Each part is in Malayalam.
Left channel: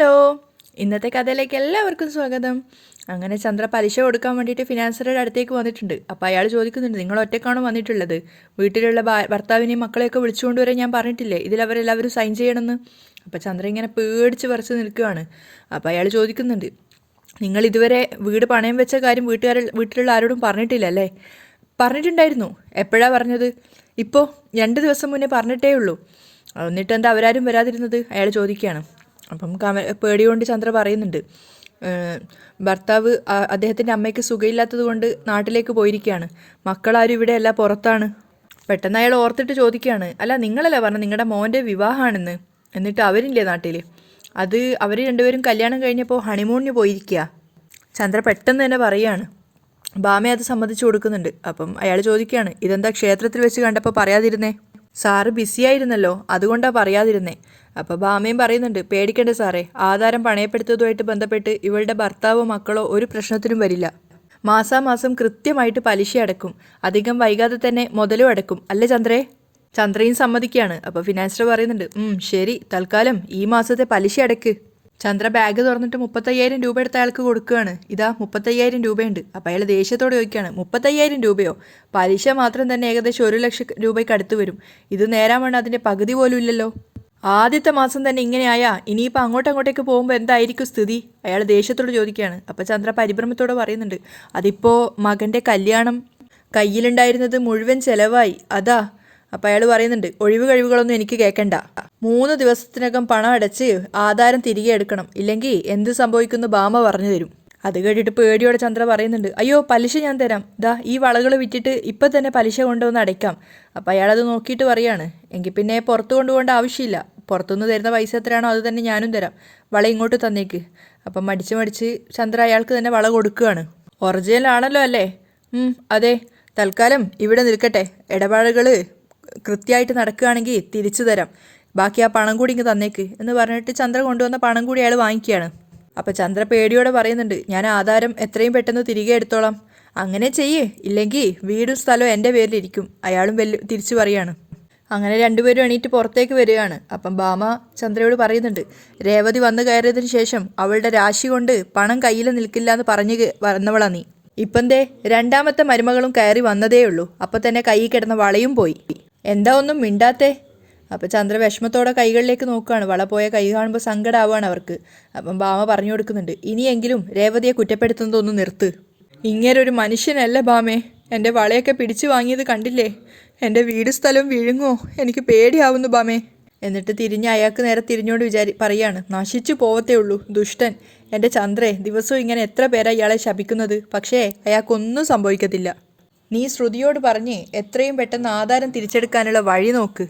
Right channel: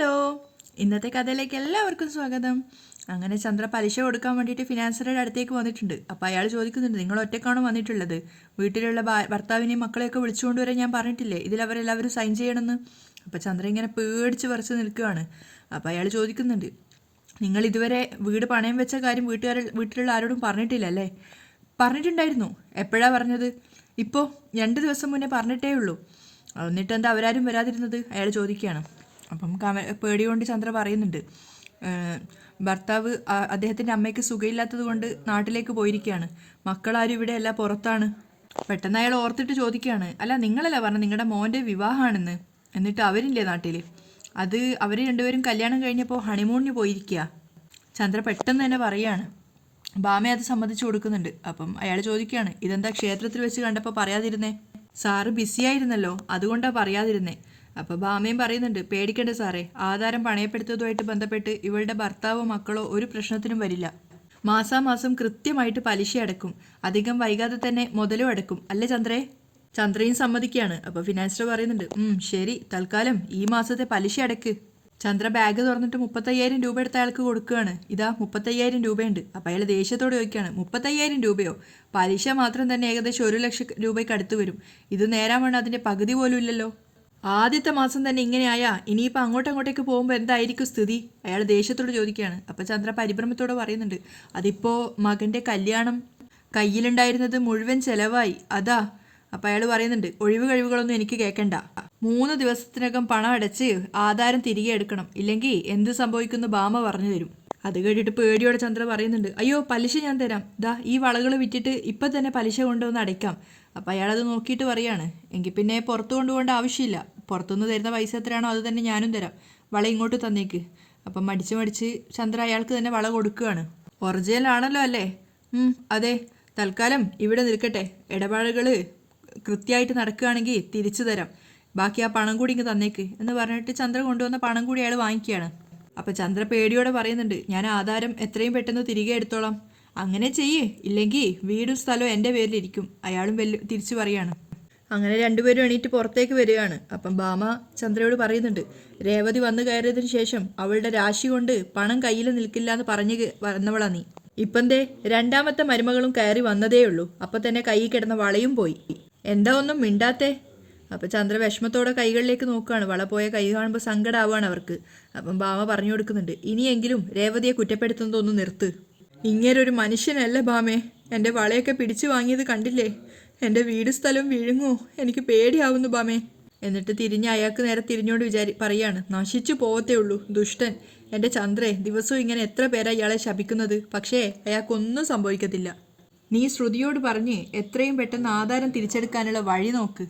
ഹലോ, ഇന്നത്തെ കഥയിലേക്ക് എല്ലാവർക്കും സ്വാഗതം. അങ്ങനെ ചന്ദ്ര പലിശ കൊടുക്കാൻ വേണ്ടിയിട്ട് ഫിനാൻസറുടെ അടുത്തേക്ക് വന്നിട്ടുണ്ട്. അപ്പോൾ അയാൾ ചോദിക്കുന്നുണ്ട്, നിങ്ങൾ ഒറ്റയ്ക്കാണോ വന്നിട്ടുള്ളത്? വീട്ടിലുള്ള ഭർത്താവിനെയും മക്കളെയൊക്കെ വിളിച്ചുകൊണ്ട് വരാൻ ഞാൻ പറഞ്ഞിട്ടില്ലേ, ഇതിലവരെല്ലാവരും സൈൻ ചെയ്യണമെന്ന്. അപ്പോൾ ചന്ദ്ര ഇങ്ങനെ പേടിച്ച് പറിച്ച് നിൽക്കുകയാണ്. അപ്പോൾ അയാൾ ചോദിക്കുന്നുണ്ട്, നിങ്ങൾ ഇതുവരെ വീട് പണയം വെച്ച കാര്യം വീട്ടിലുള്ള ആരോടും പറഞ്ഞിട്ടില്ലല്ലേ? പറഞ്ഞിട്ടുണ്ടായിരുന്നു. എപ്പോഴാണ് പറഞ്ഞത്? ഇപ്പോൾ 2 ദിവസം മുന്നേ പറഞ്ഞിട്ടേ ഉള്ളൂ. എന്നിട്ട് എന്താ അവരാരും വരാതിരുന്നത്? അയാൾ ചോദിക്കുകയാണ്. അപ്പം പേടികൊണ്ട് ചന്ദ്ര പറയുന്നുണ്ട്, ഭർത്താവ് അദ്ദേഹത്തിൻ്റെ അമ്മയ്ക്ക് സുഖമില്ലാത്തത് കൊണ്ട് നാട്ടിലേക്ക് പോയിരിക്കുകയാണ്. മക്കളാരും ഇവിടെ അല്ല, പുറത്താണ്. പെട്ടെന്ന് അയാൾ ഓർത്തിട്ട് ചോദിക്കുകയാണ്, അല്ല നിങ്ങളല്ലേ പറഞ്ഞു നിങ്ങളുടെ മോൻ്റെ വിവാഹമാണെന്ന്, എന്നിട്ട് അവരില്ലേ നാട്ടിൽ? അത് അവർ രണ്ടുപേരും കല്യാണം കഴിഞ്ഞപ്പോൾ ഹണിമൂണിന് പോയിരിക്കുക. ചന്ദ്ര പെട്ടെന്ന് തന്നെ പറയുകയാണ്. ബാമ അത് സമ്മതിച്ചു കൊടുക്കുന്നുണ്ട്. അപ്പം അയാൾ ചോദിക്കുകയാണ്, ഇതെന്താ ക്ഷേത്രത്തിൽ വെച്ച് കണ്ടപ്പോൾ പറയാതിരുന്നേ? സാറ് ബിസിയായിരുന്നല്ലോ, അതുകൊണ്ടാണ് പറയാതിരുന്നേ. അപ്പോൾ ബാമയും പറയുന്നുണ്ട്, പേടിക്കേണ്ട സാറേ, ആധാരം പണയപ്പെടുത്തതുമായിട്ട് ബന്ധപ്പെട്ട് ഇവളുടെ ഭർത്താവോ മക്കളോ ഒരു പ്രശ്നത്തിനും വരില്ല. മാസാമാസം കൃത്യമായിട്ട് പലിശ അടക്കും, അധികം വൈകാതെ തന്നെ മുതലും അടക്കും, അല്ലേ ചന്ദ്രേ? ചന്ദ്രയും സമ്മതിക്കുകയാണ്. അപ്പോൾ ഫിനാൻസർ പറയുന്നുണ്ട്, ശരി, തൽക്കാലം ഈ മാസത്തെ പലിശ അടക്ക്. ചന്ദ്ര ബാഗ് തുറന്നിട്ട് 35,000 രൂപ എടുത്ത അയാൾക്ക് കൊടുക്കുകയാണ്. ഇതാ 35,000 രൂപയുണ്ട്. അപ്പോൾ അയാൾ ദേഷ്യത്തോടെ ചോദിക്കുകയാണ്, 35,000 രൂപയോ? പലിശ മാത്രം തന്നെ ഏകദേശം 1 ലക്ഷം രൂപയ്ക്ക് അടുത്ത് വരും. ഇത് നേരാൻ വേണ്ട അതിൻ്റെ പകുതി പോലും ഇല്ലല്ലോ. ആദ്യത്തെ മാസം തന്നെ ഇങ്ങനെയായാ ഇനിയിപ്പോൾ അങ്ങോട്ടേക്ക് പോകുമ്പോൾ എന്തായിരിക്കും സ്ഥിതി? അയാൾ ദേഷ്യത്തോട് ചോദിക്കുകയാണ്. അപ്പോൾ ചന്ദ്ര പരിഭ്രമത്തോടെ പറയുന്നുണ്ട്, അതിപ്പോൾ മകൻ്റെ കല്യാണം കയ്യിലുണ്ടായിരുന്നത് മുഴുവൻ ചിലവായി, അതാ. അപ്പോൾ അയാൾ പറയുന്നുണ്ട്, ഒഴിവ് കഴിവുകളൊന്നും എനിക്ക് കേൾക്കണ്ട. 3 ദിവസത്തിനകം പണം അടച്ച് ആധാരം തിരികെ എടുക്കണം, ഇല്ലെങ്കിൽ എന്ത് സംഭവിക്കുന്നു ബാമ പറഞ്ഞു തരും. അത് കേട്ടിട്ട് പേടിയോടെ ചന്ദ്ര പറയുന്നുണ്ട്, അയ്യോ പലിശ ഞാൻ തരാം, ദാ ഈ വളകൾ വിറ്റിട്ട് ഇപ്പം തന്നെ പലിശ കൊണ്ടുവന്ന് അടയ്ക്കാം. അപ്പോൾ അയാളത് നോക്കിയിട്ട് പറയാണ്, എങ്കിൽ പിന്നെ പുറത്ത് കൊണ്ടുപോകേണ്ട ആവശ്യമില്ല, പുറത്തുനിന്ന് തരുന്ന പൈസ എത്രയാണോ അത് തന്നെ ഞാനും തരാം, വള ഇങ്ങോട്ട് തന്നേക്ക്. അപ്പം മടിച്ച് ചന്ദ്ര അയാൾക്ക് തന്നെ വള കൊടുക്കുകയാണ്. ഒറിജിനൽ ആണല്ലോ അല്ലേ? അതെ, തൽക്കാലം ഇവിടെ നിൽക്കട്ടെ, ഇടപാടുകൾ കൃത്യമായിട്ട് നടക്കുകയാണെങ്കിൽ തിരിച്ചു തരാം, ബാക്കി ആ പണം കൂടി ഇങ്ങ് തന്നേക്ക് എന്ന് പറഞ്ഞിട്ട് ചന്ദ്ര കൊണ്ടുവന്ന പണം കൂടി അയാൾ വാങ്ങിക്കുകയാണ്. അപ്പോൾ ചന്ദ്ര പേടിയോടെ പറയുന്നുണ്ട്, ഞാൻ ആധാരം എത്രയും പെട്ടെന്ന് തിരികെ എടുത്തോളാം. അങ്ങനെ ചെയ്യേ, ഇല്ലെങ്കിൽ വീടും സ്ഥലവും എൻ്റെ പേരിലിരിക്കും, അയാളും തിരിച്ചു പറയാണ്. അങ്ങനെ രണ്ടുപേരും എണീറ്റ് പുറത്തേക്ക് വരികയാണ്. അപ്പം ബാമ ചന്ദ്രയോട് പറയുന്നുണ്ട്, രേവതി വന്നു കയറിയതിന് ശേഷം അവളുടെ രാശി കൊണ്ട് പണം കയ്യിൽ നിൽക്കില്ല എന്ന് പറഞ്ഞു വന്നവളാ നീ. ഇപ്പം ദേ 2ാമത്തെ മരുമകളും കയറി വന്നതേ ഉള്ളൂ, അപ്പം തന്നെ കൈ കിടന്ന വളയും പോയി. എന്താ ഒന്നും മിണ്ടാത്തേ? അപ്പോൾ ചന്ദ്ര വിഷമത്തോടെ കൈകളിലേക്ക് നോക്കുകയാണ്. വള പോയ കൈ കാണുമ്പോൾ സങ്കടമാവുകയാണ് അവർക്ക്. അപ്പം ബാമ പറഞ്ഞു കൊടുക്കുന്നുണ്ട്, ഇനിയെങ്കിലും രേവതിയെ കുറ്റപ്പെടുത്തുന്നതൊന്നും നിർത്ത്. ഇങ്ങനൊരു മനുഷ്യനല്ല ബാമേ, എൻ്റെ വളയൊക്കെ പിടിച്ചു വാങ്ങിയത് കണ്ടില്ലേ? എൻ്റെ വീട് സ്ഥലവും വിഴുങ്ങോ? എനിക്ക് പേടിയാവുന്നു ബാമേ. എന്നിട്ട് അയാൾക്ക് നേരെ തിരിഞ്ഞുകൊണ്ട് പറയാണ്, നശിച്ചു പോവത്തേ ഉള്ളൂ ദുഷ്ടൻ. എൻ്റെ ചന്ദ്രേ, ദിവസവും ഇങ്ങനെ എത്ര പേരാ ഇയാളെ ശപിക്കുന്നത്, പക്ഷേ അയാൾക്കൊന്നും സംഭവിക്കത്തില്ല. നീ ശ്രുതിയോട് പറഞ്ഞ് എത്രയും പെട്ടെന്ന് ആധാരം തിരിച്ചെടുക്കാനുള്ള വഴി നോക്ക്.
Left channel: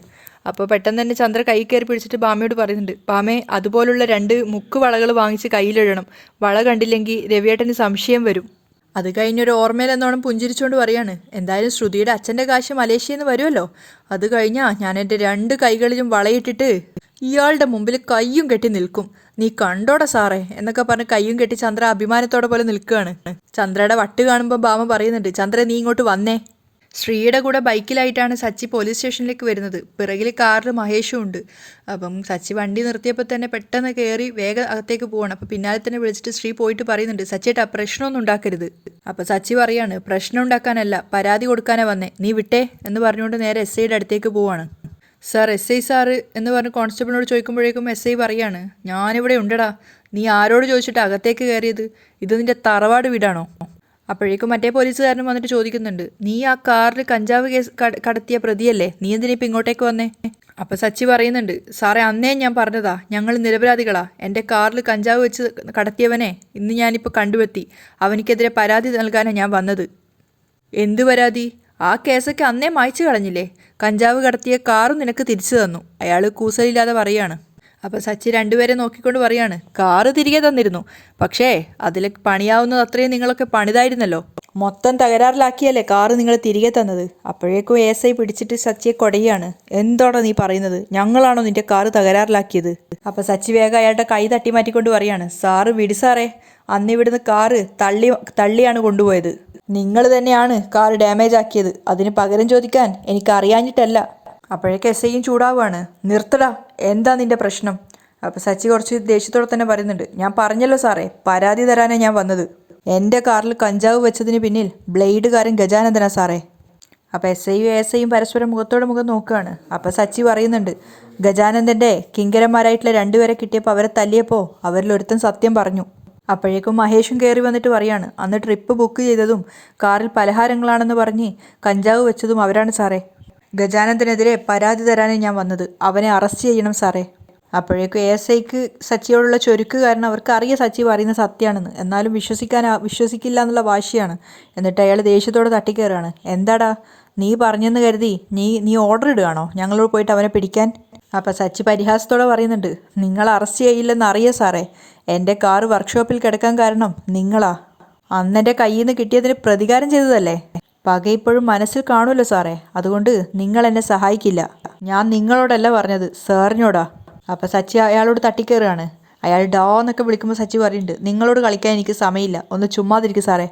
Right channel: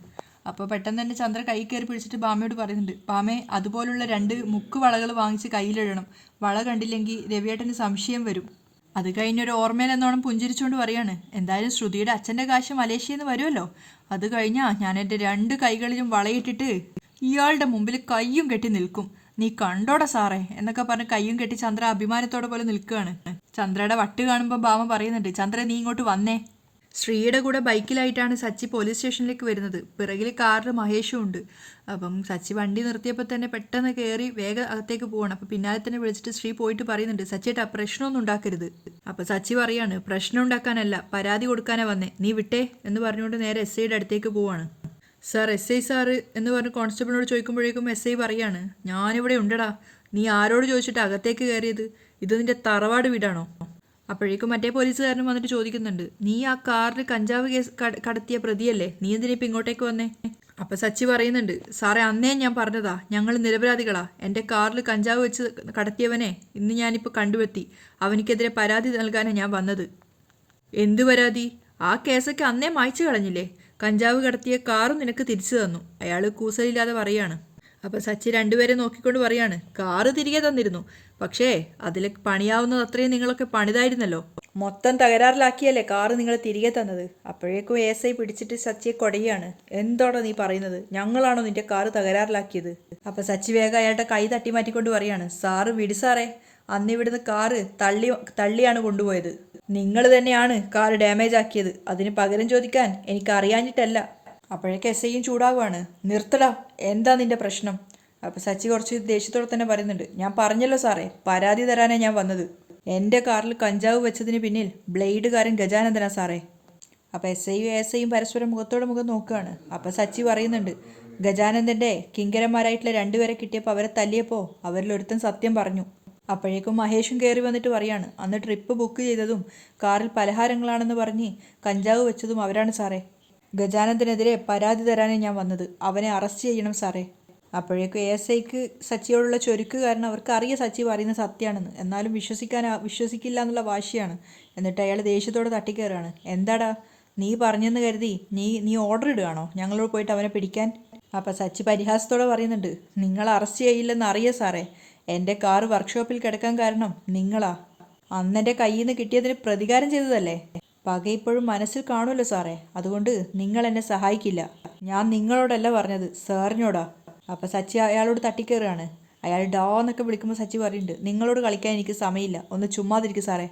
അപ്പോൾ പെട്ടെന്ന് തന്നെ ചന്ദ്ര കൈ കയറി പിടിച്ചിട്ട് ബാമയോട് പറയുന്നുണ്ട്, ബാമേ അതുപോലുള്ള 2 മുക്ക് വളകൾ വാങ്ങിച്ച് കയ്യിലിടണം, വള കണ്ടില്ലെങ്കിൽ രവിയേട്ടന് സംശയം വരും. അത് കഴിഞ്ഞൊരു ഓർമ്മയിലെന്നോണം പുഞ്ചിരിച്ചുകൊണ്ട് പറയാണ്, എന്തായാലും ശ്രുതിയുടെ അച്ഛൻ്റെ കാശ് മലേഷ്യയിൽ നിന്ന് വരുമല്ലോ, അത് കഴിഞ്ഞാൽ ഞാൻ എൻ്റെ 2 കൈകളിലും വളയിട്ടിട്ട് ഇയാളുടെ മുമ്പിൽ കയ്യും കെട്ടി നിൽക്കും, നീ കണ്ടോടെ സാറേ എന്നൊക്കെ പറഞ്ഞ് കയ്യും കെട്ടി ചന്ദ്ര അഭിമാനത്തോടെ പോലെ നിൽക്കുകയാണ്. ചന്ദ്രയുടെ വട്ട് കാണുമ്പോൾ ബാമ പറയുന്നുണ്ട്, ചന്ദ്ര നീ ഇങ്ങോട്ട് വന്നേ. ശ്രീയുടെ കൂടെ ബൈക്കിലായിട്ടാണ് സച്ചി പോലീസ് സ്റ്റേഷനിലേക്ക് വരുന്നത്. പിറകിൽ കാറിൽ മഹേഷും ഉണ്ട്. അപ്പം സച്ചി വണ്ടി നിർത്തിയപ്പോൾ തന്നെ പെട്ടെന്ന് കയറി വേഗം അകത്തേക്ക് പോകണം. അപ്പോൾ പിന്നാലെ തന്നെ വിളിച്ചിട്ട് ശ്രീ പോയിട്ട് പറയുന്നുണ്ട്, സച്ചിയേട്ടാ പ്രശ്നമൊന്നും ഉണ്ടാക്കരുത്. അപ്പോൾ സച്ചി പറയാണ്, പ്രശ്നം ഉണ്ടാക്കാനല്ല പരാതി കൊടുക്കാനാണ് വന്നേ, നീ വിട്ടേ എന്ന് പറഞ്ഞുകൊണ്ട് നേരെ എസ് ഐയുടെ അടുത്തേക്ക് പോവാണ്. സാർ, എസ് ഐ സാറ് എന്ന് പറഞ്ഞ് കോൺസ്റ്റബിളിനോട് ചോദിക്കുമ്പോഴേക്കും എസ് ഐ പറയാണ്, ഞാനിവിടെ ഉണ്ടടാ, നീ ആരോട് ചോദിച്ചിട്ട് അകത്തേക്ക് കയറിയത്? ഇത് നിൻ്റെ തറവാട് വീടാണോ? അപ്പോഴേക്കും മറ്റേ പോലീസുകാരനും വന്നിട്ട് ചോദിക്കുന്നുണ്ട്, നീ ആ കാറിൽ കഞ്ചാവ് കേസ് കടത്തിയ പ്രതിയല്ലേ, നീ എന്തിനിപ്പോൾ ഇങ്ങോട്ടേക്ക് വന്നേ? അപ്പോൾ സച്ചി പറയുന്നുണ്ട്, സാറേ അന്നേ ഞാൻ പറഞ്ഞതാ, ഞങ്ങൾ നിരപരാധികളാ, എൻ്റെ കാറിൽ കഞ്ചാവ് വെച്ച് കടത്തിയവനെ ഇന്ന് ഞാനിപ്പോൾ കണ്ടുവെത്തി, അവനിക്കെതിരെ പരാതി നൽകാനാണ് ഞാൻ വന്നത്. എന്ത് പരാതി? ആ കേസൊക്കെ അന്നേ മായ്ച്ചു കളഞ്ഞില്ലേ, കഞ്ചാവ് കടത്തിയ കാറും നിനക്ക് തിരിച്ചു തന്നു. അയാൾ കൂസലില്ലാതെ പറയാണ്. അപ്പോൾ സച്ചി രണ്ടുപേരെ നോക്കിക്കൊണ്ട് പറയാണ്, കാറ് തിരികെ തന്നിരുന്നു, പക്ഷേ അതിൽ പണിയാവുന്നത് അത്രയും നിങ്ങളൊക്കെ പണിതായിരുന്നല്ലോ, മൊത്തം തകരാറിലാക്കിയല്ലേ കാറ് നിങ്ങൾ തിരികെ തന്നത്. അപ്പോഴേക്കും എസ് ഐ പിടിച്ചിട്ട് സച്ചിയെ കൊടയാണ്, എന്തോടാ നീ പറയുന്നത്, ഞങ്ങളാണോ നിന്റെ കാറ് തകരാറിലാക്കിയത്? അപ്പോൾ സച്ചി വേഗം അയാളുടെ കൈ തട്ടി മാറ്റിക്കൊണ്ട് പറയാണ്, സാറ് വിടി സാറേ, അന്നിവിടുന്ന് കാറ് തള്ളിയാണ് കൊണ്ടുപോയത്, നിങ്ങൾ തന്നെയാണ് കാർ ഡാമേജ് ആക്കിയത്, അതിന് പകരം ചോദിക്കാൻ എനിക്ക് അറിയാഞ്ഞിട്ടല്ല. അപ്പോഴേക്ക് എസ് ഐയും ചൂടാവുകയാണ്, നിർത്തടാ, എന്താ നിന്റെ പ്രശ്നം? അപ്പോൾ സച്ചി കുറച്ച് ദേഷ്യത്തോടെ തന്നെ പറയുന്നുണ്ട്, ഞാൻ പറഞ്ഞല്ലോ സാറേ, പരാതി തരാനാണ് ഞാൻ വന്നത്. എൻ്റെ കാറിൽ കഞ്ചാവ് വെച്ചതിന് പിന്നിൽ ബ്ലേഡുകാരൻ ഗജാനന്ദനാ സാറേ. അപ്പോൾ എസ് ഐയും പരസ്പരം മുഖത്തോടെ മുഖം നോക്കുകയാണ്. അപ്പോൾ സച്ചി പറയുന്നുണ്ട്, ഗജാനന്ദൻ്റെ കിങ്കരന്മാരായിട്ടുള്ള രണ്ടുപേരെ കിട്ടിയപ്പോൾ അവരെ തല്ലിയപ്പോൾ അവരിലൊരുത്തൻ സത്യം പറഞ്ഞു. അപ്പോഴേക്കും മഹേഷും കയറി വന്നിട്ട് പറയാണ്, അന്ന് ട്രിപ്പ് ബുക്ക് ചെയ്തതും കാറിൽ പലഹാരങ്ങളാണെന്ന് പറഞ്ഞ് കഞ്ചാവ് വെച്ചതും അവരാണ് സാറേ. ഗജാനന്ദനെതിരെ പരാതി തരാനാണ് ഞാൻ വന്നത്. അവനെ അറസ്റ്റ് ചെയ്യണം സാറേ. അപ്പോഴേക്കും ഐക്ക് സച്ചിയോടുള്ള ചൊരുക്ക് കാരണം അവർക്ക് അറിയാം സച്ചി പറയുന്ന സത്യമാണെന്ന്. എന്നാലും വിശ്വസിക്കില്ല എന്നുള്ള വാശിയാണ്. എന്നിട്ട് അയാൾ ദേഷ്യത്തോടെ തട്ടിക്കയറുകയാണ്. എന്താടാ നീ പറഞ്ഞെന്ന് കരുതി നീ ഓർഡർ ഇടുകയാണോ ഞങ്ങളോട് പോയിട്ട് അവനെ പിടിക്കാൻ? അപ്പം സച്ചി പരിഹാസത്തോടെ പറയുന്നുണ്ട്, നിങ്ങൾ അറസ്റ്റ് ചെയ്യില്ലെന്ന് അറിയാം സാറേ. എൻ്റെ കാറ് വർക്ക്ഷോപ്പിൽ കിടക്കാൻ കാരണം നിങ്ങളാ. അന്നെൻ്റെ കയ്യിൽ നിന്ന് കിട്ടിയതിന് പ്രതികാരം ചെയ്തതല്ലേ. പക ഇപ്പോഴും മനസ്സിൽ കാണുമല്ലോ സാറേ. അതുകൊണ്ട് നിങ്ങൾ എന്നെ സഹായിക്കില്ല. ഞാൻ നിങ്ങളോടല്ല പറഞ്ഞത്, സാറിനോടാ. അപ്പം സച്ചി അയാളോട് തട്ടിക്കയറുകയാണ്. അയാൾ ഡോ എന്നൊക്കെ വിളിക്കുമ്പോൾ സച്ചി പറയുന്നുണ്ട്, നിങ്ങളോട് കളിക്കാൻ എനിക്ക് സമയമില്ല, ഒന്ന് ചുമ്മാതിരിക്കും സാറേ.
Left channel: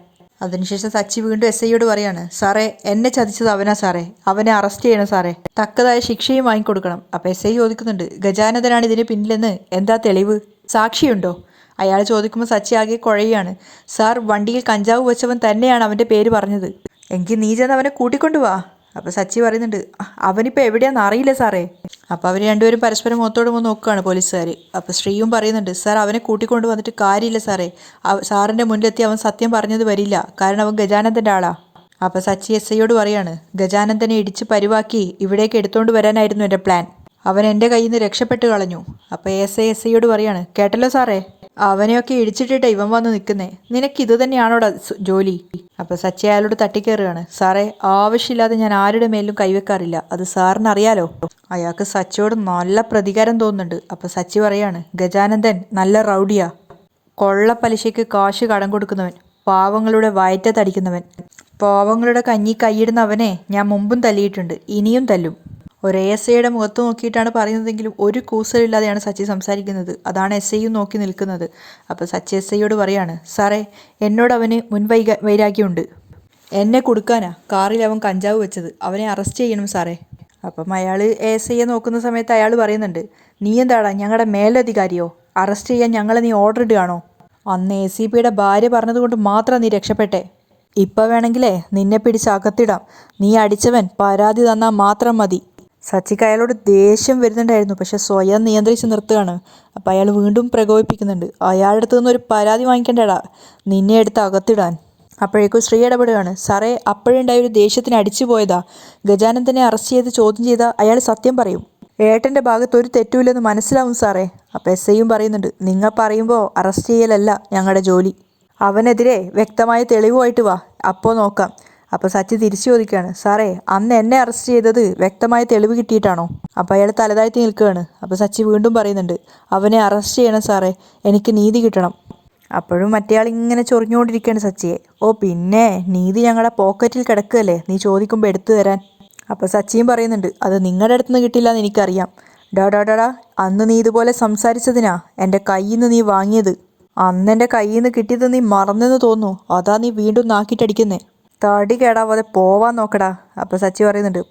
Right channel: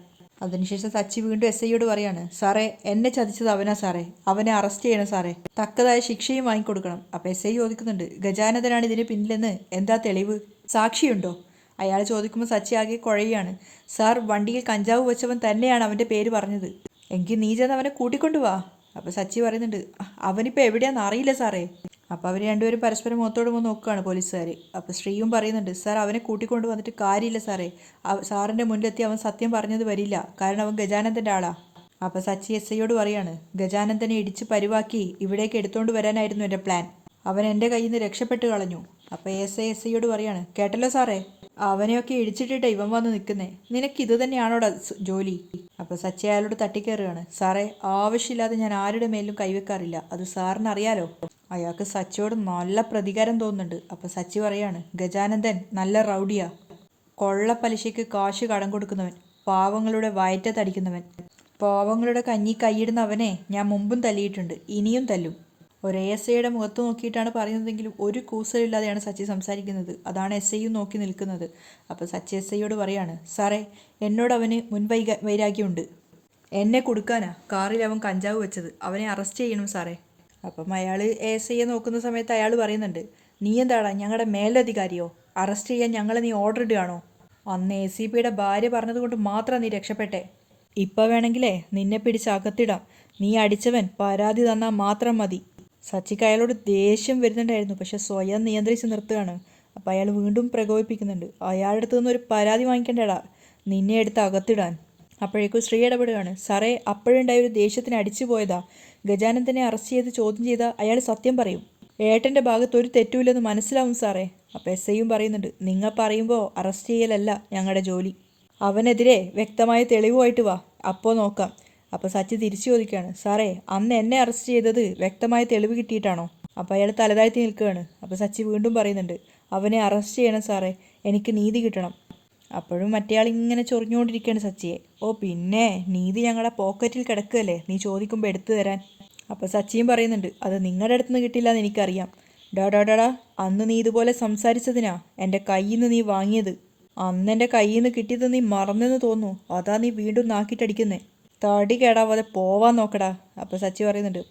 അതിനുശേഷം സച്ചി വീണ്ടും ഐയോട് പറയാണ്, സാറേ എന്നെ ചതിച്ചത് അവനാ സാറേ, അവനെ അറസ്റ്റ് ചെയ്യണം സാറേ, തക്കതായ ശിക്ഷയും വാങ്ങിക്കൊടുക്കണം. അപ്പം ഐ ചോദിക്കുന്നുണ്ട്, ഗജാനന്ദനാണ് ഇതിന് പിന്നിലെന്ന് എന്താ തെളിവ്, സാക്ഷിയുണ്ടോ? അയാൾ ചോദിക്കുമ്പോൾ സച്ചി ആകെ കുഴയാണ്. സാർ വണ്ടിയിൽ കഞ്ചാവ് വെച്ചവൻ തന്നെയാണ് അവൻ്റെ പേര് പറഞ്ഞത്. എങ്കിൽ നീ ചെന്ന് അവനെ കൂട്ടിക്കൊണ്ടുവാ. അപ്പോൾ സച്ചി പറയുന്നുണ്ട്, അവനിപ്പോൾ എവിടെയാണെന്ന് അറിയില്ല സാറേ. അപ്പോൾ അവർ രണ്ടുപേരും പരസ്പരം മുഖത്തോട് മുഖം നോക്കുകയാണ് പോലീസുകാർ. അപ്പോൾ ശ്രീയും പറയുന്നുണ്ട്, സാർ അവനെ കൂട്ടിക്കൊണ്ട് വന്നിട്ട് കാര്യമില്ല സാറേ, സാറിൻ്റെ മുന്നിലെത്തി അവൻ സത്യം പറഞ്ഞത് വരില്ല, കാരണം അവൻ ഗജാനന്ദൻ്റെ ആളാ. അപ്പോൾ സച്ചി ഐയോട് പറയാണ്, ഗജാനന്ദനെ ഇടിച്ച് പരിവാക്കി ഇവിടേക്ക് എടുത്തുകൊണ്ട് വരാനായിരുന്നു എൻ്റെ പ്ലാൻ. അവൻ എൻ്റെ കയ്യിൽ നിന്ന് രക്ഷപ്പെട്ട് കളഞ്ഞു. അപ്പോൾ ഐയോട് പറയാണ്, കേട്ടല്ലോ സാറേ, അവനെയൊക്കെ ഇടിച്ചിട്ടിട്ട് ഇവൻ വന്ന് നിൽക്കുന്നേ, നിനക്കിത് തന്നെയാണോടാ ജോലി? അപ്പോൾ സച്ചി അയാളോട് തട്ടിക്കയറുകയാണ്. സാറേ ആവശ്യമില്ലാതെ ഞാൻ ആരുടെ മേലും കൈവെക്കാറില്ല, അത് സാറിന് അറിയാലോ. അയാൾക്ക് സച്ചിയോട് നല്ല പ്രതികാരം തോന്നുന്നുണ്ട്. അപ്പോൾ സച്ചി പറയാണ്, ഗജാനന്ദൻ നല്ല റൗഡിയാ, കൊള്ളപ്പലിശയ്ക്ക് കാശ് കടം കൊടുക്കുന്നവൻ, പാവങ്ങളുടെ വയറ്റത്തടിക്കുന്നവൻ, പാവങ്ങളുടെ കഞ്ഞി കൈയിടുന്ന അവനെ ഞാൻ മുമ്പും തല്ലിയിട്ടുണ്ട്, ഇനിയും തല്ലും. ഒരു ഐയുടെ മുഖത്ത് നോക്കിയിട്ടാണ് പറയുന്നതെങ്കിലും ഒരു കൂസലില്ലാതെയാണ് സച്ചി സംസാരിക്കുന്നത്. അതാണ് ഐയും നോക്കി നിൽക്കുന്നത്. അപ്പോൾ സച്ചി ഐയോട് പറയാണ്, സാറേ എന്നോട് അവന് വൈരാഗ്യമുണ്ട്, എന്നെ കൊടുക്കാനാ കാറിൽ അവൻ കഞ്ചാവ് വെച്ചത്, അവനെ അറസ്റ്റ് ചെയ്യണം സാറേ. അപ്പം അയാൾ ഐയെ നോക്കുന്ന സമയത്ത് അയാൾ പറയുന്നുണ്ട്, നീ എന്താടാ ഞങ്ങളുടെ മേലധികാരിയോ? അറസ്റ്റ് ചെയ്യാൻ ഞങ്ങളെ നീ ഓർഡർ ഇടുകയാണോ? അന്ന് ACPയുടെ ഭാര്യ പറഞ്ഞതുകൊണ്ട് മാത്രം നീ രക്ഷപ്പെട്ടെ. ഇപ്പം വേണമെങ്കിലേ നിന്നെ പിടിച്ച് അകത്തിടാം. നീ അടിച്ചവൻ പരാതി തന്നാൽ മാത്രം മതി. സച്ചിക്ക് അയാളോട് ദേഷ്യം വരുന്നുണ്ടായിരുന്നു, പക്ഷെ സ്വയം നിയന്ത്രിച്ച് നിർത്തുകയാണ്. അപ്പോൾ അയാൾ വീണ്ടും പ്രകോപിപ്പിക്കുന്നുണ്ട്, അയാളുടെ അടുത്ത് നിന്നൊരു പരാതി വാങ്ങിക്കേണ്ടടാ, നിന്നെ എടുത്ത് അകത്തിടാൻ. അപ്പോഴേക്കും ശ്രീ ഇടപെടുകയാണ്, സാറേ അപ്പോഴുണ്ടായ ഒരു ദേഷ്യത്തിന് അടിച്ചു പോയതാ. ഗജാനന്ദനെ അറസ്റ്റ് ചെയ്ത് ചോദ്യം ചെയ്താൽ അയാൾ സത്യം പറയും. ഏട്ടൻ്റെ ഭാഗത്ത് ഒരു തെറ്റുമില്ലെന്ന് മനസ്സിലാവും സാറേ. അപ്പോൾ ഐയും പറയുന്നുണ്ട്, നിങ്ങൾ പറയുമ്പോൾ അറസ്റ്റ് ചെയ്യലല്ല ഞങ്ങളുടെ ജോലി, അവനെതിരെ വ്യക്തമായ തെളിവുമായിട്ട് വാ, അപ്പോൾ നോക്കാം. അപ്പോൾ സച്ചി തിരിച്ചു ചോദിക്കുകയാണ്, സാറേ അന്ന് എന്നെ അറസ്റ്റ് ചെയ്തത് വ്യക്തമായ തെളിവ് കിട്ടിയിട്ടാണോ? അപ്പോൾ അയാൾ തലതാഴ്ത്തി നിൽക്കുകയാണ്. അപ്പോൾ സച്ചി വീണ്ടും പറയുന്നുണ്ട്, അവനെ അറസ്റ്റ് ചെയ്യണം സാറേ, എനിക്ക് നീതി കിട്ടണം. അപ്പോഴും മറ്റേയാൾ ഇങ്ങനെ ചൊറിഞ്ഞുകൊണ്ടിരിക്കുകയാണ് സച്ചിയെ. ഓ പിന്നെ നീതി ഞങ്ങളുടെ പോക്കറ്റിൽ കിടക്കുകയല്ലേ, നീ ചോദിക്കുമ്പോൾ എടുത്തു തരാൻ. അപ്പോൾ സച്ചിയും പറയുന്നുണ്ട്, അത് നിങ്ങളുടെ അടുത്ത് നിന്ന് കിട്ടില്ല എന്ന് എനിക്കറിയാം. ഡാ അന്ന് നീ ഇതുപോലെ സംസാരിച്ചതിനാ എൻ്റെ കയ്യിൽ നിന്ന് നീ വാങ്ങിയത്. അന്ന് എൻ്റെ കയ്യിൽ നിന്ന് കിട്ടിയത് നീ മറന്നെന്ന് തോന്നുന്നു, അതാ നീ വീണ്ടും നാക്കിട്ടടിക്കുന്നേ. തടി കേടാവാതെ പോവാൻ നോക്കടാ. അപ്പോൾ സച്ചി പറയുന്നുണ്ട്,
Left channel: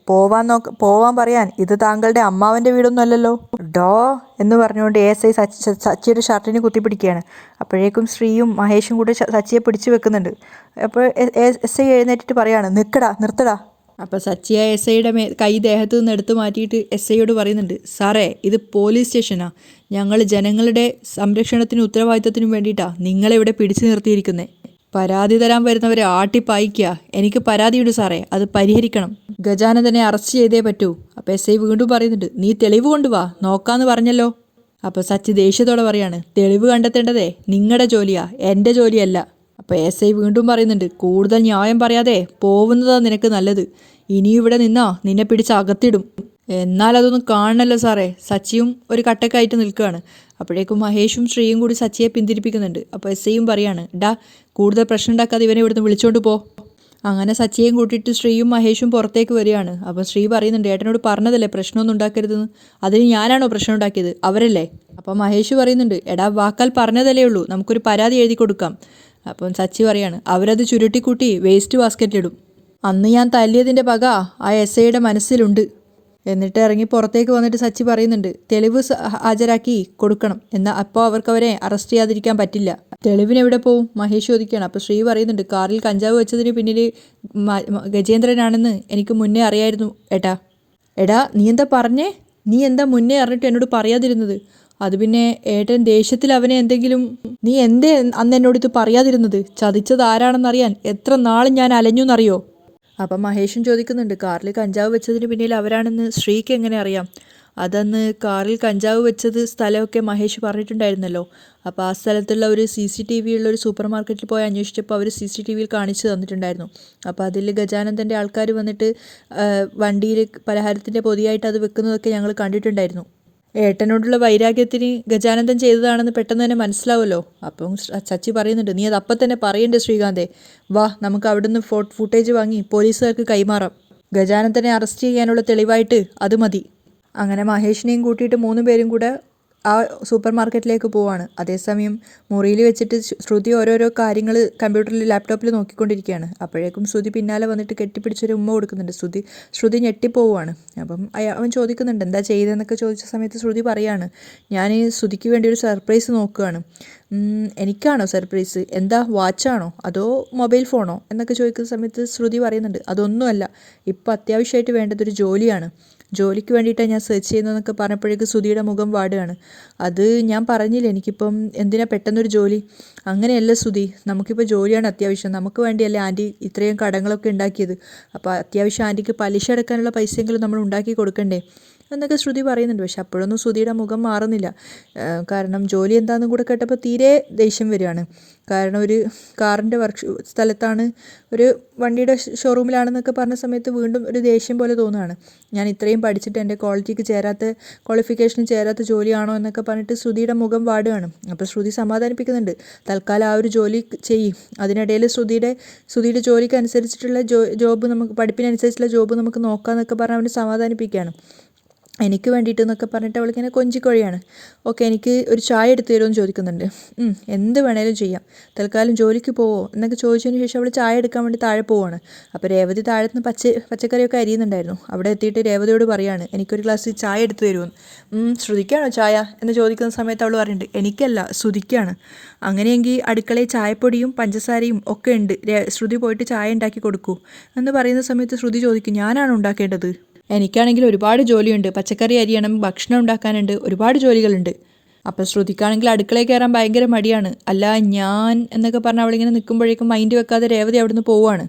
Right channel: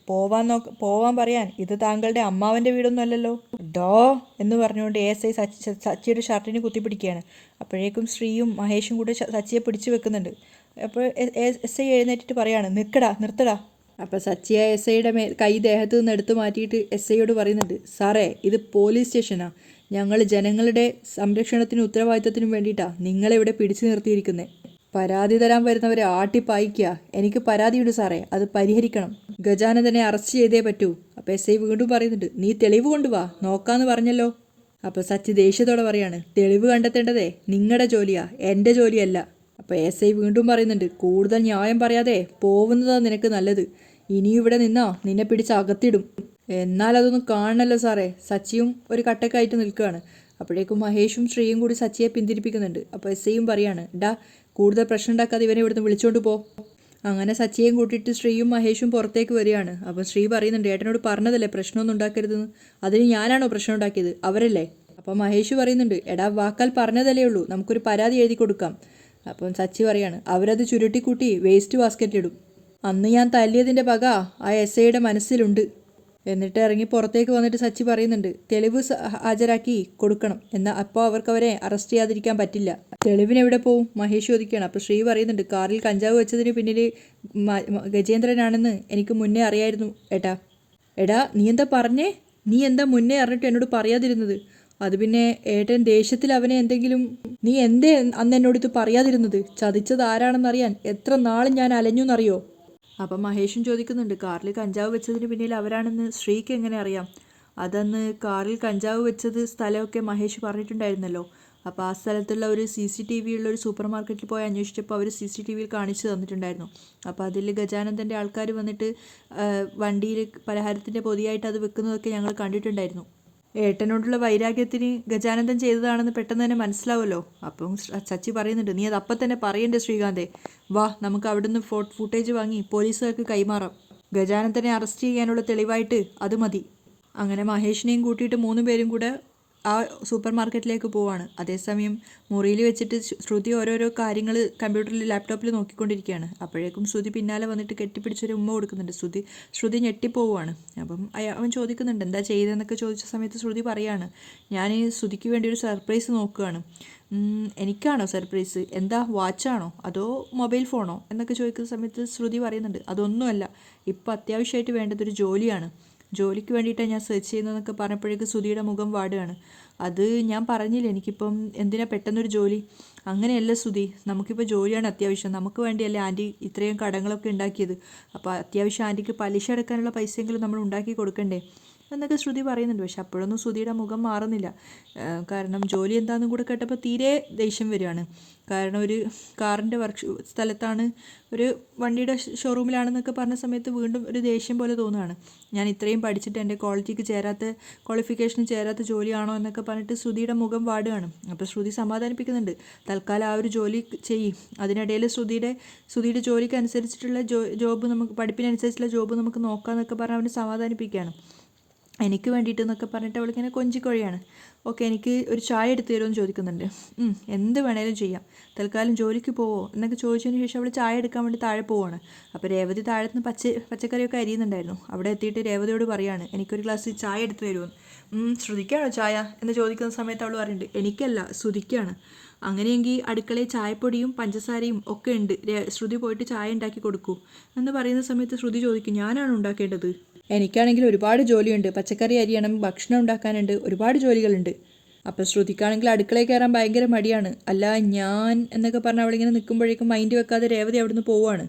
പോവാൻ പറയാൻ ഇത് താങ്കളുടെ അമ്മാവൻ്റെ വീടൊന്നും അല്ലല്ലോ. ഡോ എന്ന് പറഞ്ഞുകൊണ്ട് ഐ സച്ചിയുടെ ഷർട്ടിന് കുത്തിപ്പിടിക്കുകയാണ്. അപ്പോഴേക്കും ശ്രീയും മഹേഷും കൂടെ സച്ചിയെ പിടിച്ചു വെക്കുന്നുണ്ട്. അപ്പോൾ ഐ എഴുന്നേറ്റിട്ട് പറയാണ്, നിർത്തടാ. അപ്പോൾ സച്ചി ഐയുടെ കൈ ദേഹത്തു നിന്ന് എടുത്തു മാറ്റിയിട്ട് ഐയോട് പറയുന്നുണ്ട്, സാറേ ഇത് പോലീസ് സ്റ്റേഷനാണ്, ഞങ്ങൾ ജനങ്ങളുടെ സംരക്ഷണത്തിനും ഉത്തരവാദിത്തത്തിനും വേണ്ടിയിട്ടാണ് നിങ്ങളെ ഇവിടെ പിടിച്ചു നിർത്തിയിരിക്കുന്നത്. പരാതി തരാൻ വരുന്നവരെ ആട്ടിപ്പായിക്കുക. എനിക്ക് പരാതിയുണ്ട് സാറേ, അത് പരിഹരിക്കണം. ഗജാനന്ദനെ അറസ്റ്റ് ചെയ്തേ പറ്റൂ. അപ്പോൾ ഐ വീണ്ടും പറയുന്നുണ്ട്, നീ തെളിവ് കൊണ്ടുവാ, നോക്കാന്ന് പറഞ്ഞല്ലോ. അപ്പോൾ സച്ചി ദേഷ്യത്തോടെ പറയാണ്, തെളിവ് കണ്ടെത്തേണ്ടതേ നിങ്ങളുടെ ജോലിയാ, എൻ്റെ ജോലിയല്ല. അപ്പോൾ ഐ വീണ്ടും പറയുന്നുണ്ട്, കൂടുതൽ ന്യായം പറയാതെ പോകുന്നതാണ് നിനക്ക് നല്ലത്. ഇനിയും ഇവിടെ നിന്നാ നിന്നെ പിടിച്ച് അകത്തിടും. എന്നാൽ അതൊന്നും കാണണല്ലോ സാറേ. സച്ചിയും ഒരു കട്ടക്കായിട്ട് നിൽക്കുകയാണ്. അപ്പോഴേക്കും മഹേഷും ശ്രീയും കൂടി സച്ചിയെ പിന്തിരിപ്പിക്കുന്നുണ്ട്. അപ്പോൾ ഐയും പറയാണ്, കൂടുതൽ പ്രശ്നം ഉണ്ടാക്കാതെ ഇവനെ ഇവിടുന്ന് വിളിച്ചോണ്ട് പോ. അങ്ങനെ സച്ചിയെയും കൂട്ടിയിട്ട് ശ്രീയും മഹേഷും പുറത്തേക്ക് വരികയാണ്. അപ്പോൾ ശ്രീ പറയുന്നുണ്ട്, ഏട്ടനോട് പറഞ്ഞതല്ലേ പ്രശ്നമൊന്നും ഉണ്ടാക്കരുതെന്ന്, അതിന് ഞാനാണോ പ്രശ്നം ഉണ്ടാക്കിയത്, അവരല്ലേ? അപ്പോൾ മഹേഷ് പറയുന്നുണ്ട്, വാക്കാൽ പറഞ്ഞതല്ലേ ഉള്ളൂ, നമുക്കൊരു പരാതി എഴുതി കൊടുക്കാം. അപ്പം സച്ചി പറയാണ്, അവരത് ചുരുട്ടിക്കൂട്ടി വേസ്റ്റ് ബാസ്ക്കറ്റിലിടും. അന്ന് ഞാൻ തല്ലിയതിൻ്റെ പക ആ ഐയുടെ മനസ്സിലുണ്ട്. എന്നിട്ട് ഇറങ്ങി പുറത്തേക്ക് വന്നിട്ട് സച്ചി പറയുന്നുണ്ട് തെളിവ് ഹാജരാക്കി കൊടുക്കണം എന്നാൽ അപ്പോൾ അവരെ അറസ്റ്റ് ചെയ്യാതിരിക്കാൻ പറ്റില്ല. തെളിവിന് എവിടെ പോവും? മഹേഷ് ചോദിക്കുകയാണ്. അപ്പോൾ ശ്രീ പറയുന്നുണ്ട് കാറിൽ കഞ്ചാവ് വെച്ചതിന് പിന്നിൽ ഗജേന്ദ്രനാണെന്ന് എനിക്ക് മുന്നേ അറിയായിരുന്നു ഏട്ടാ. എടാ നീ എന്താ പറഞ്ഞേ? നീ എന്താ മുന്നേ അറിഞ്ഞിട്ട് എന്നോട് പറയാതിരുന്നത്? അത് പിന്നെ ഏട്ടൻ ദേഷ്യത്തിൽ അവനെ എന്തെങ്കിലും നീ എന്തേ അന്ന് എന്നോട് ഇത് പറയാതിരുന്നത്? ചതിച്ചത് ആരാണെന്നറിയാൻ എത്ര നാളും ഞാൻ അലഞ്ഞു എന്നറിയോ? അപ്പം മഹേഷും ചോദിക്കുന്നുണ്ട് കാറിൽ കഞ്ചാവ് വെച്ചതിന് പിന്നിൽ അവരാണെന്ന് ശ്രീക്ക് എങ്ങനെ അറിയാം? അതന്ന് കാറിൽ കഞ്ചാവ് വെച്ചത് സ്ഥലമൊക്കെ മഹേഷ് പറഞ്ഞിട്ടുണ്ടായിരുന്നല്ലോ. അപ്പോൾ ആ സ്ഥലത്തുള്ള ഒരു CCTV ഉള്ള ഒരു സൂപ്പർ മാർക്കറ്റിൽ പോയി അന്വേഷിച്ചപ്പോൾ അവർ CCTVയിൽ കാണിച്ചു തന്നിട്ടുണ്ടായിരുന്നു. അപ്പോൾ അതിൽ ഗജാനന്ദൻ്റെ ആൾക്കാർ വന്നിട്ട് വണ്ടിയിൽ പലഹാരത്തിൻ്റെ പൊതിയായിട്ട് അത് വെക്കുന്നതൊക്കെ ഞങ്ങൾ കണ്ടിട്ടുണ്ടായിരുന്നു. ഏട്ടനോടുള്ള വൈരാഗ്യത്തിന് ഗജാനന്ദൻ ചെയ്തതാണെന്ന് പെട്ടെന്ന് തന്നെ മനസ്സിലാവുമല്ലോ. അപ്പം ചച്ചി പറയുന്നുണ്ട് നീ അത് അപ്പം തന്നെ പറയണ്ടേ ശ്രീകാന്തേ, വാ നമുക്ക് അവിടുന്ന് ഫുട്ടേജ് വാങ്ങി പോലീസുകാർക്ക് കൈമാറാം. ഗജാനന്ദനെ അറസ്റ്റ് ചെയ്യാനുള്ള തെളിവായിട്ട് അത് മതി. അങ്ങനെ മഹേഷിനെയും കൂട്ടിയിട്ട് 3 പേരും കൂടെ ആ സൂപ്പർ മാർക്കറ്റിലേക്ക് പോവാണ്. അതേസമയം മുറിയിൽ വെച്ചിട്ട് ശ്രുതി ഓരോരോ കാര്യങ്ങൾ കമ്പ്യൂട്ടറിൽ ലാപ്ടോപ്പിൽ നോക്കിക്കൊണ്ടിരിക്കുകയാണ്. അപ്പോഴേക്കും ശ്രുതി പിന്നാലെ വന്നിട്ട് കെട്ടിപ്പിടിച്ചൊരു ഉമ്മ കൊടുക്കുന്നുണ്ട്. ശ്രുതി ഞെട്ടിപ്പോവുകയാണ്. അപ്പം അവൻ ചോദിക്കുന്നുണ്ട് എന്താ ചെയ്തതെന്നൊക്കെ ചോദിച്ച സമയത്ത് ശ്രുതി പറയാണ് ഞാൻ ശ്രുതിക്ക് വേണ്ടി ഒരു സർപ്രൈസ് നോക്കുകയാണ്. എനിക്കാണോ സർപ്രൈസ്? എന്താ വാച്ചാണോ അതോ മൊബൈൽ ഫോണോ എന്നൊക്കെ ചോദിക്കുന്ന സമയത്ത് ശ്രുതി പറയുന്നുണ്ട് അതൊന്നുമല്ല, ഇപ്പോൾ അത്യാവശ്യമായിട്ട് വേണ്ടതൊരു ജോലിയാണ്. ജോലിക്ക് വേണ്ടിയിട്ടാണ് ഞാൻ സെർച്ച് ചെയ്യുന്നതെന്നൊക്കെ പറഞ്ഞപ്പോഴേക്ക് ശ്രുതിയുടെ മുഖം വാടുകയാണ്. അത് ഞാൻ പറഞ്ഞില്ല എനിക്കിപ്പം എന്തിനാ പെട്ടെന്നൊരു ജോലി? അങ്ങനെയല്ല ശ്രുതി, നമുക്കിപ്പോൾ ജോലിയാണ് അത്യാവശ്യം. നമുക്ക് വേണ്ടിയല്ലേ ആൻറ്റി ഇത്രയും കടങ്ങളൊക്കെ ഉണ്ടാക്കിയത്. അപ്പോൾ അത്യാവശ്യം ആൻറ്റിക്ക് പലിശ അടക്കാനുള്ള പൈസയെങ്കിലും നമ്മൾ ഉണ്ടാക്കി കൊടുക്കണ്ടേ എന്നൊക്കെ ശ്രുതി പറയുന്നുണ്ട്. പക്ഷെ അപ്പോഴൊന്നും ശ്രുതിയുടെ മുഖം മാറുന്നില്ല. കാരണം ജോലി എന്താണെന്നും കൂടെ കേട്ടപ്പോൾ തീരെ ദേഷ്യം വരികയാണ്. കാരണം ഒരു കാറിൻ്റെ സ്ഥലത്താണ്, ഒരു വണ്ടിയുടെ ഷോറൂമിലാണെന്നൊക്കെ പറഞ്ഞ സമയത്ത് വീണ്ടും ഒരു ദേഷ്യം പോലെ തോന്നുകയാണ്. ഞാൻ ഇത്രയും പഠിച്ചിട്ട് എൻ്റെ ക്വാളിഫിക്കേഷന് ചേരാത്ത ജോലിയാണോ എന്നൊക്കെ പറഞ്ഞിട്ട് ശ്രുതിയുടെ മുഖം വാടുകയാണ്. അപ്പോൾ ശ്രുതി സമാധാനിപ്പിക്കുന്നുണ്ട് തൽക്കാലം ആ ഒരു ജോലി ചെയ്യും, അതിനിടയിൽ ശ്രുതിയുടെ ജോലിക്ക് അനുസരിച്ചിട്ടുള്ള ജോബ് നമുക്ക് പഠിപ്പിനനുസരിച്ചുള്ള ജോബ് നമുക്ക് നോക്കാമെന്നൊക്കെ പറഞ്ഞ് അവന് സമാധാനിപ്പിക്കുകയാണ്. എനിക്ക് വേണ്ടിയിട്ട് എന്നൊക്കെ പറഞ്ഞിട്ട് അവളിങ്ങനെ കൊഞ്ചിക്കൊഴിയാണ്. ഓക്കെ എനിക്ക് ഒരു ചായ എടുത്ത് തരുമെന്ന് ചോദിക്കുന്നുണ്ട്. എന്ത് വേണേലും ചെയ്യാം, തൽക്കാലം ജോലിക്ക് പോവോ എന്നൊക്കെ ചോദിച്ചതിന് ശേഷം അവൾ ചായ എടുക്കാൻ വേണ്ടി താഴെ പോവാണ്. അപ്പോൾ രേവതി താഴത്തുനിന്ന് പച്ചക്കറിയൊക്കെ അരിയുന്നുണ്ടായിരുന്നു. അവിടെ എത്തിയിട്ട് രേവതിയോട് പറയാണ് എനിക്കൊരു ഗ്ലാസ് ചായ എടുത്ത് തരുമെന്ന്. ശ്രുതിക്കാണോ ചായ എന്ന് ചോദിക്കുന്ന സമയത്ത് അവൾ പറയുന്നുണ്ട് എനിക്കല്ല ശ്രുതിക്കാണ്. അങ്ങനെയെങ്കിൽ അടുക്കളയിൽ ചായപ്പൊടിയും പഞ്ചസാരയും ഒക്കെ ഉണ്ട്, ശ്രുതി പോയിട്ട് ചായ ഉണ്ടാക്കി കൊടുക്കൂ എന്ന് പറയുന്ന സമയത്ത് ശ്രുതി ചോദിക്കും ഞാനാണ് ഉണ്ടാക്കേണ്ടത്? എനിക്കാണെങ്കിൽ ഒരുപാട് ജോലിയുണ്ട്, പച്ചക്കറി അരിയണം, ഭക്ഷണം ഉണ്ടാക്കാനുണ്ട്, ഒരുപാട് ജോലികളുണ്ട്. അപ്പോൾ ശ്രുതിക്കാണെങ്കിൽ അടുക്കളയിൽ കയറാൻ ഭയങ്കര മടിയാണ്. അല്ല ഞാൻ എന്നൊക്കെ പറഞ്ഞ് അവളിങ്ങനെ നിൽക്കുമ്പോഴേക്കും മൈൻഡ് വെക്കാതെ രേവതി അവിടുന്ന് പോവുകയാണ്.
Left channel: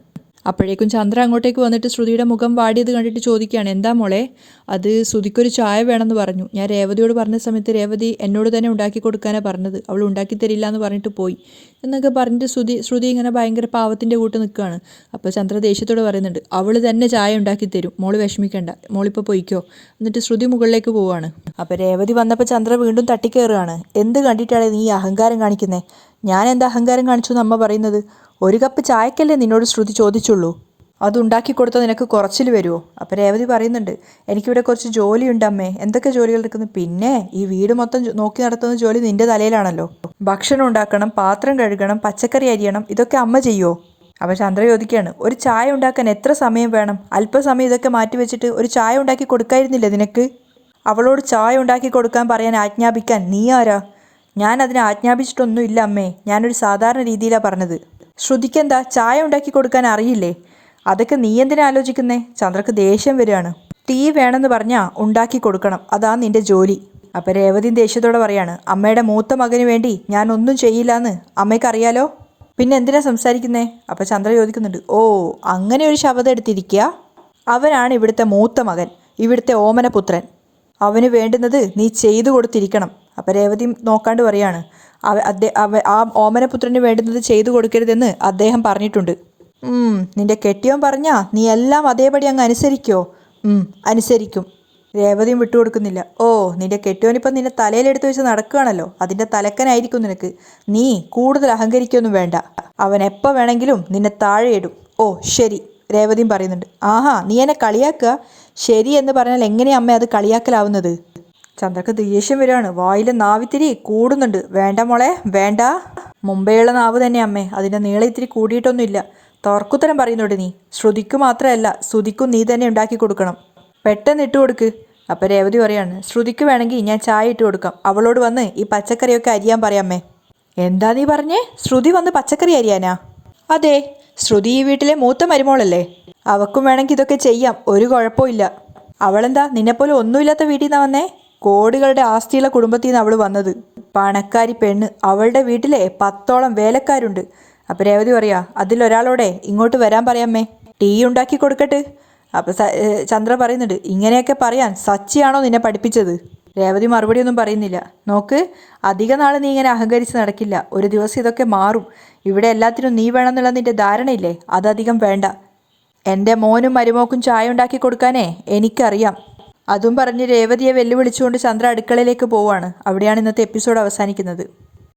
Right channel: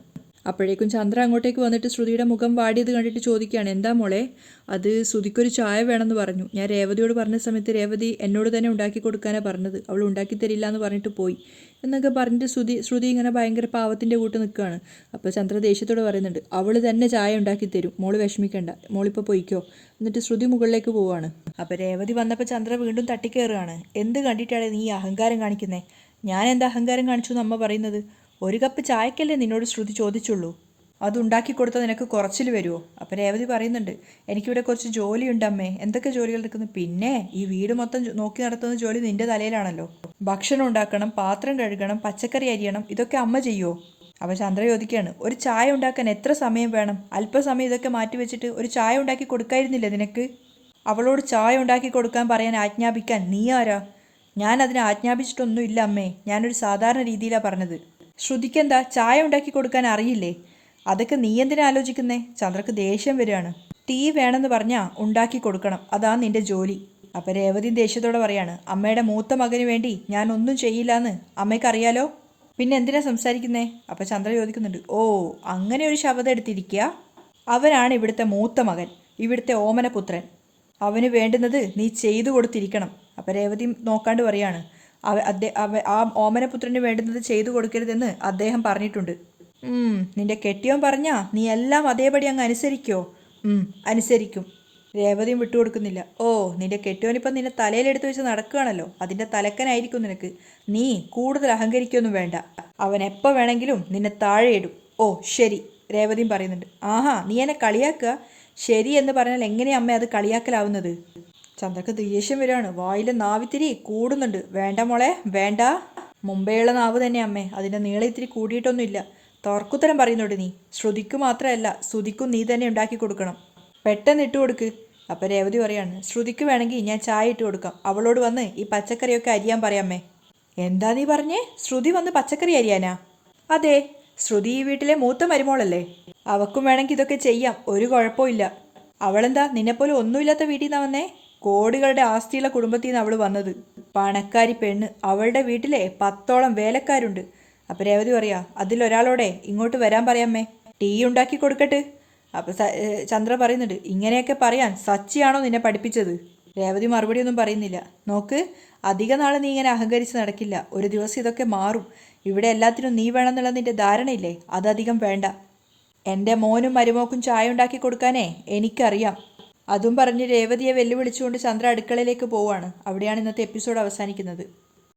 അപ്പോഴേക്കും ചന്ദ്ര അങ്ങോട്ടേക്ക് വന്നിട്ട് ശ്രുതിയുടെ മുഖം വാടിയത് കണ്ടിട്ട് ചോദിക്കുകയാണ് എന്താ മോളെ? അത് ശ്രുതിക്കൊരു ചായ വേണമെന്ന് പറഞ്ഞു. ഞാൻ രേവതിയോട് പറഞ്ഞ സമയത്ത് രേവതി എന്നോട് തന്നെ ഉണ്ടാക്കി കൊടുക്കാനാണ് പറഞ്ഞത്, അവൾ ഉണ്ടാക്കി തരില്ല എന്ന് പറഞ്ഞിട്ട് പോയി എന്നൊക്കെ പറഞ്ഞിട്ട് ശ്രുതി ഇങ്ങനെ ഭയങ്കര പാവത്തിൻ്റെ കൂട്ട് നിൽക്കുകയാണ്. അപ്പോൾ ചന്ദ്ര ദേഷ്യത്തോട് പറയുന്നുണ്ട് അവൾ തന്നെ ചായ ഉണ്ടാക്കി തരും, മോള് വിഷമിക്കണ്ട, മോളിപ്പോൾ പോയിക്കോ. എന്നിട്ട് ശ്രുതി മുകളിലേക്ക് പോവുകയാണ്. അപ്പോൾ രേവതി വന്നപ്പോൾ ചന്ദ്ര വീണ്ടും തട്ടിക്കയറുകയാണ്. എന്ത് കണ്ടിട്ടാണ് നീ അഹങ്കാരം കാണിക്കുന്നത്? ഞാൻ എന്താ അഹങ്കാരം കാണിച്ചു എന്ന് അമ്മ പറയുന്നത്? ഒരു കപ്പ് ചായക്കല്ലേ നിന്നോട് ശ്രുതി ചോദിച്ചുള്ളൂ, അതുണ്ടാക്കി കൊടുത്താൽ നിനക്ക് കുറച്ചിൽ വരുമോ? അപ്പോൾ രേവതി പറയുന്നുണ്ട് എനിക്കിവിടെ കുറച്ച് ജോലിയുണ്ട് അമ്മേ. എന്തൊക്കെ ജോലികൾ എടുക്കുന്നു? പിന്നെ ഈ വീട് മൊത്തം നോക്കി നടത്തുന്ന ജോലി നിൻ്റെ തലയിലാണല്ലോ. ഭക്ഷണം ഉണ്ടാക്കണം, പാത്രം കഴുകണം, പച്ചക്കറി അരിയണം, ഇതൊക്കെ അമ്മ ചെയ്യുമോ? അപ്പോൾ ചന്ദ്ര ചോദിക്കുകയാണ് ഒരു ചായ ഉണ്ടാക്കാൻ എത്ര സമയം വേണം? അല്പസമയം ഇതൊക്കെ മാറ്റി വെച്ചിട്ട് ഒരു ചായ ഉണ്ടാക്കി കൊടുക്കായിരുന്നില്ലേ നിനക്ക്? അവളോട് ചായ ഉണ്ടാക്കി കൊടുക്കാൻ പറയാൻ ആജ്ഞാപിക്കാൻ നീ ആരാ? ഞാൻ അതിനെ ആജ്ഞാപിച്ചിട്ടൊന്നുമില്ല അമ്മേ, ഞാനൊരു സാധാരണ രീതിയിലാണ് പറഞ്ഞത്. ശ്രുതിക്കെന്താ ചായ ഉണ്ടാക്കി കൊടുക്കാൻ അറിയില്ലേ? അതൊക്കെ നീ എന്തിനാ ആലോചിക്കുന്നേ? ചന്ദ്രക്ക് ദേഷ്യം വരികയാണ്. തീ വേണമെന്ന് പറഞ്ഞാൽ ഉണ്ടാക്കി കൊടുക്കണം, അതാ നിന്റെ ജോലി. അപ്പം രേവതി ദേഷ്യത്തോടെ പറയാണ് അമ്മയുടെ മൂത്ത മകന് വേണ്ടി ഞാൻ ഒന്നും ചെയ്യില്ല എന്ന് അമ്മയ്ക്കറിയാലോ, പിന്നെ എന്തിനാ സംസാരിക്കുന്നേ? അപ്പം ചന്ദ്ര ചോദിക്കുന്നുണ്ട് ഓ അങ്ങനെ ഒരു ശബ്ദം എടുത്തിരിക്കുക, അവനാണ് ഇവിടുത്തെ മൂത്ത മകൻ, ഇവിടുത്തെ ഓമനപുത്രൻ, അവന് വേണ്ടുന്നത് നീ ചെയ്തു കൊടുത്തിരിക്കണം. അപ്പം രേവതി നോക്കാണ്ട് പറയാണ് ആ ഓമനപുത്രന് വേണ്ടുന്നത് ചെയ്തു കൊടുക്കരുതെന്ന് അദ്ദേഹം പറഞ്ഞിട്ടുണ്ട്. നിന്റെ കെട്ടിയവൻ പറഞ്ഞാ നീ എല്ലാം അതേപടി അങ്ങ് അനുസരിക്കോ? അനുസരിക്കും. രേവതിയും വിട്ടുകൊടുക്കുന്നില്ല. ഓ നിന്റെ കെട്ടിയവനിപ്പം നിന്നെ തലയിലെടുത്ത് വെച്ച് നടക്കുകയാണല്ലോ, അതിൻ്റെ തലക്കനായിരിക്കും നിനക്ക്. നീ കൂടുതൽ അഹങ്കരിക്കൊന്നും വേണ്ട, അവൻ എപ്പോൾ വേണമെങ്കിലും നിന്നെ താഴെ ഇടും. ഓ ശരി, രേവതിയും പറയുന്നുണ്ട്. ആഹാ നീ എന്നെ കളിയാക്കുക? ശരി എന്ന് പറഞ്ഞാൽ എങ്ങനെയാ അമ്മ അത് കളിയാക്കലാവുന്നത്? ചന്ദ്രക്ക് ദേഷ്യം വരികയാണ്. വായിലെ നാവിത്തിരി കൂടുന്നുണ്ട്. വേണ്ട മോളെ വേണ്ട, മുമ്പേയുള്ള നാവ് തന്നെ അമ്മേ, അതിൻ്റെ നീളം ഇത്തിരി കൂടിയിട്ടൊന്നുമില്ല. തർക്കുത്തരം പറയുന്നുണ്ട് നീ. ശ്രുതിക്ക് മാത്രമല്ല ശ്രുതിക്കും നീ തന്നെ ഉണ്ടാക്കി കൊടുക്കണം. പെട്ടെന്ന് ഇട്ട് കൊടുക്ക്. അപ്പം രേവതി പറയാണ്, ശ്രുതിക്ക് വേണമെങ്കിൽ ഞാൻ ചായ ഇട്ട് കൊടുക്കാം, അവളോട് വന്ന് ഈ പച്ചക്കറിയൊക്കെ അരിയാൻ പറയാമേ. എന്താ നീ പറഞ്ഞേ? ശ്രുതി വന്ന് പച്ചക്കറി അരിയാനാ? അതെ, ശ്രുതി ഈ വീട്ടിലെ മൂത്ത മരുമോളല്ലേ, അവക്കും വേണമെങ്കിൽ ഇതൊക്കെ ചെയ്യാം, ഒരു കുഴപ്പമില്ല. അവളെന്താ നിന്നെപ്പോലെ ഒന്നുമില്ലാത്ത വീട്ടിൽ നിന്നാ വന്നേ? കോടികളുടെ ആസ്തിയുള്ള കുടുംബത്തിൽ നിന്ന് അവൾ വന്നത്. പണക്കാരി പെണ്ണ്, അവളുടെ വീട്ടിലെ 10ഓളം വേലക്കാരുണ്ട്. അപ്പം രേവതി പറയാ, അതിലൊരാളോടെ ഇങ്ങോട്ട് വരാൻ പറയാമേ, ടീ ഉണ്ടാക്കി കൊടുക്കട്ടെ. അപ്പം ചന്ദ്ര പറയുന്നുണ്ട്, ഇങ്ങനെയൊക്കെ പറയാൻ സച്ചിയാണോ നിന്നെ പഠിപ്പിച്ചത്? രേവതി മറുപടിയൊന്നും പറയുന്നില്ല. നോക്ക്, അധിക നാൾ നീ ഇങ്ങനെ അഹങ്കരിച്ച് നടക്കില്ല, ഒരു ദിവസം ഇതൊക്കെ മാറും. ഇവിടെ എല്ലാത്തിനും നീ വേണമെന്നുള്ള നിന്റെ ധാരണയില്ലേ, അതധികം വേണ്ട. എൻ്റെ മോനും മരുമോക്കും ചായ ഉണ്ടാക്കി കൊടുക്കാനേ എനിക്കറിയാം. അതും പറഞ്ഞ് രേവതിയെ വെല്ലുവിളിച്ചുകൊണ്ട് ചന്ദ്ര അടുക്കളയിലേക്ക് പോവാണ്. അവിടെയാണ് ഇന്നത്തെ എപ്പിസോഡ് അവസാനിക്കുന്നത്.